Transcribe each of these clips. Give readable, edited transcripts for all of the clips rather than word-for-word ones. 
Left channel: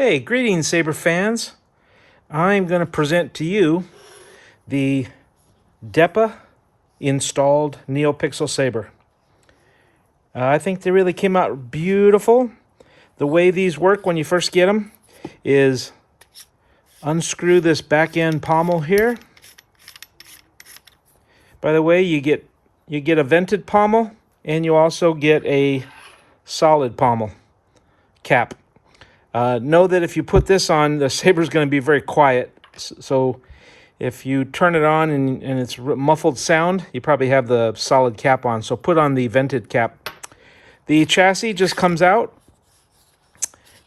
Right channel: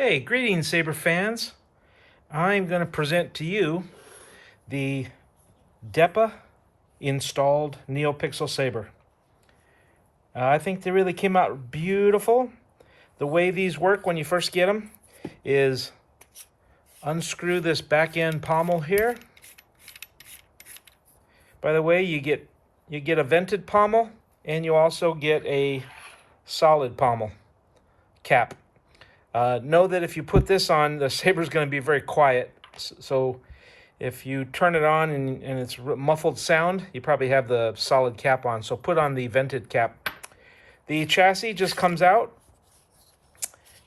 Hey, greetings, Saber fans. I'm going to present to you the Depa installed NeoPixel Saber. I think they really came out beautiful. The way these work when you first get them is unscrew this back end pommel here. By the way, you get a vented pommel and you also get a solid pommel cap. Know that if you put this on, the Saber's going to be very quiet. So if you turn it on and it's muffled sound, you probably have the solid cap on. So put on the vented cap. The chassis just comes out.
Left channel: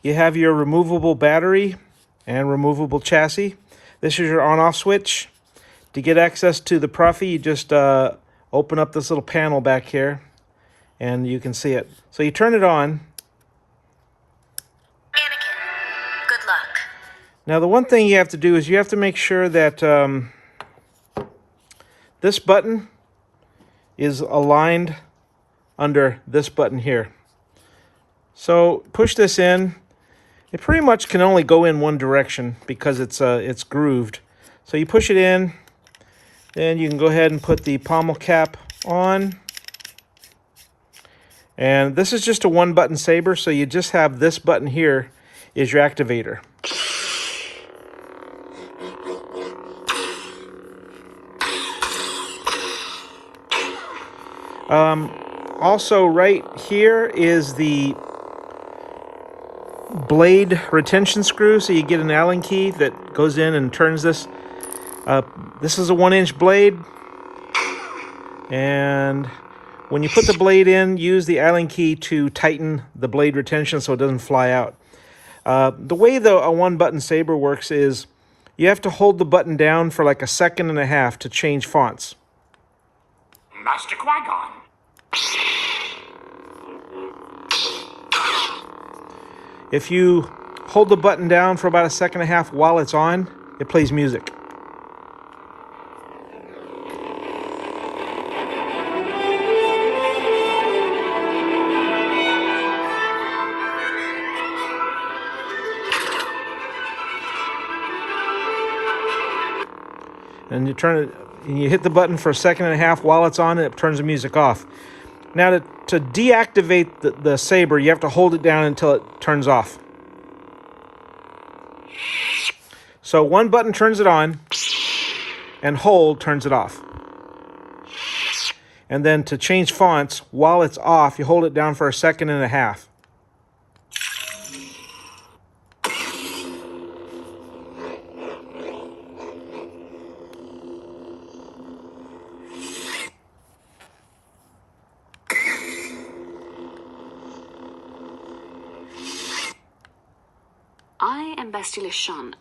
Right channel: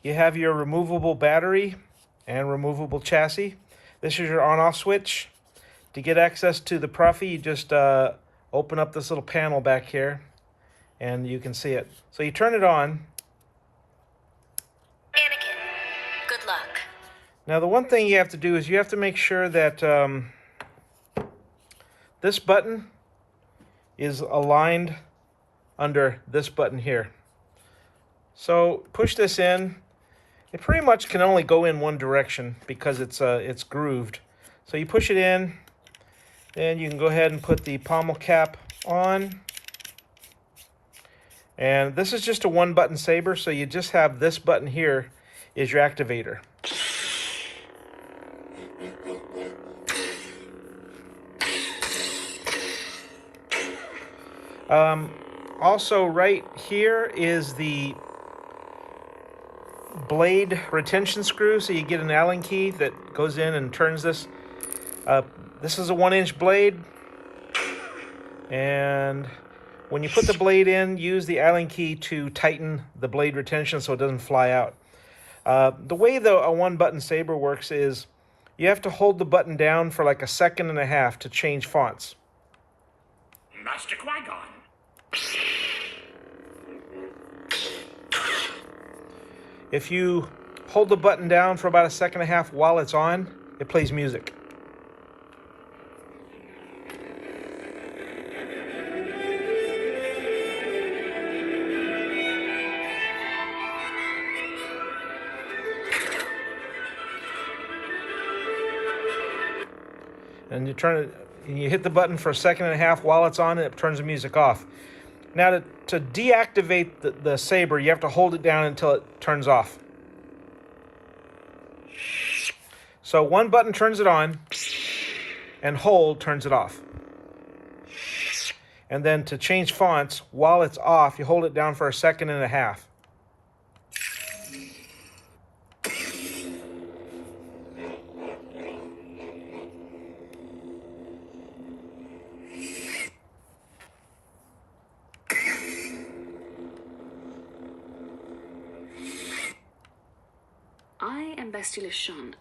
You have your removable battery and removable chassis. This is your on-off switch. To get access to the Profi, you just open up this little panel back here and you can see it. So you turn it on. Good luck. Now the one thing you have to do is you have to make sure that this button is aligned under this button here. So push this in. It pretty much can only go in one direction because it's grooved. So you push it in, then you can go ahead and put the pommel cap on. And this is just a one button Saber, so you just have this button here is your activator. Also right here is the blade retention screw, so you get an Allen key that goes in and turns this. This is a 1-inch blade, and when you put the blade in, use the Allen key to tighten the blade retention so it doesn't fly out. The way a one-button Saber works is you have to hold the button down for like 1.5 seconds to change fonts. Master Qui-Gon. If you hold the button down for about 1.5 seconds while it's on, it plays music. And you turn it, and you hit the button for 1.5 seconds while it's on, and it turns the music off. Now to deactivate the Saber, you have to hold it down until it turns off. So one button turns it on, and hold turns it off. And then to change fonts, while it's off, you hold it down for 1.5 seconds. I am Bastille Sean.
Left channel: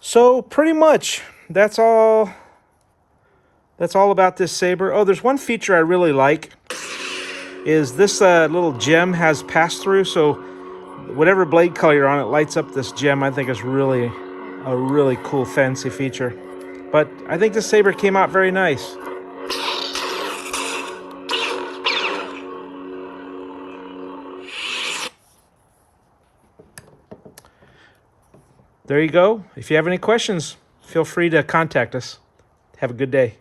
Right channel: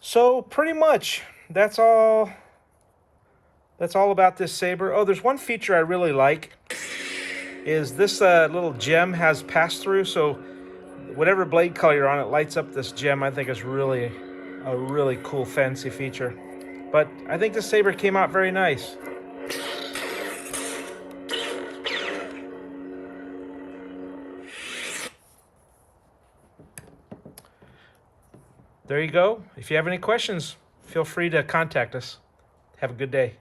So pretty much that's all about this Saber. Oh, there's one feature I really like is this little gem has pass-through, so whatever blade color you're on, it lights up this gem. I think it's really a really cool fancy feature. But I think the Saber came out very nice. There you go. If you have any questions, feel free to contact us. Have a good day.